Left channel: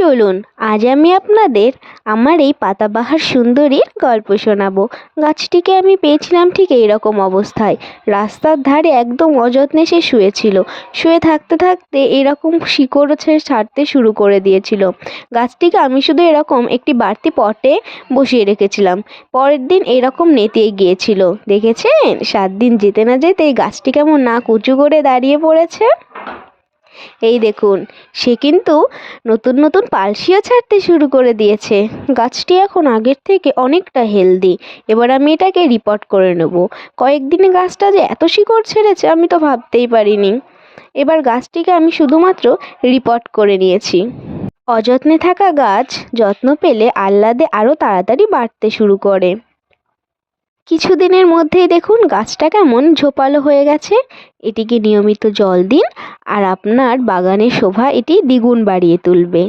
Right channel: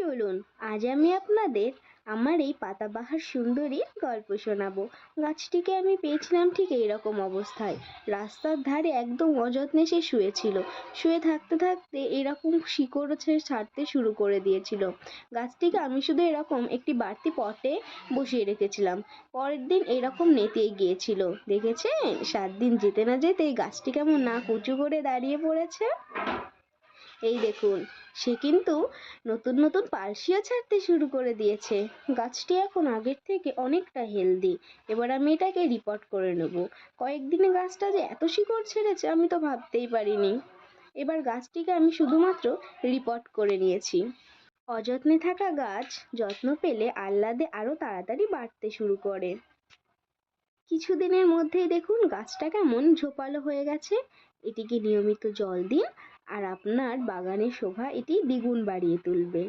চলুন, আজ আমি আপনাদের আমার এই পাতাবাহার সুন্দরীর গল্প শোনাবো। গাছটিকে আমি পেয়েছিলাম ঠিক এইরকম অবস্থায়। রাস্তার ধারে একদম অযত্নে সে শুয়েছিল। শুয়ে থাকতে থাকতে এরকম শিকড় ছে- ছাড়তে শুরু করে দিয়েছিল। গাছটিকে আমি শুধু এরকম একটি বাড়তি পটে বসিয়ে রেখেছিলাম। পরের দিন এরকম নেতিয়ে গিয়েছিল। দেখেছেন? সাত দিন যেতে না যেতে এই গাছটি কেমন না উঁচু করে দাঁড়িয়ে পড়েছে। এই দেখুন, সে কিন্তু নতুন নতুন পালসিও ছাড়তে শুরু করে দিয়েছে। গাছটি এখন আগের থেকে অনেকটা হেলদি এবার আমি এটাকে রিপোর্ট করে নেব। কয়েকদিনে গাছটা যে এত শিকড় ছেড়েছে, আমি তো ভাবতেই পারিনি। এবার গাছটিকে আমি শুধুমাত্র রিপোর্ট করে নিয়েছি। অযত্নে থাকা গাছ যত্ন পেলে আহ্লাদে আরও তাড়াতাড়ি বাড়তে শুরু করে। কিছুদিনের মধ্যেই দেখুন গাছটা কেমন ঝোপালো হয়ে গেছে। এটিকে নিয়মিত জল দিন আর আপনার বাগানের শোভা এটি দ্বিগুণ বাড়িয়ে তুলবে।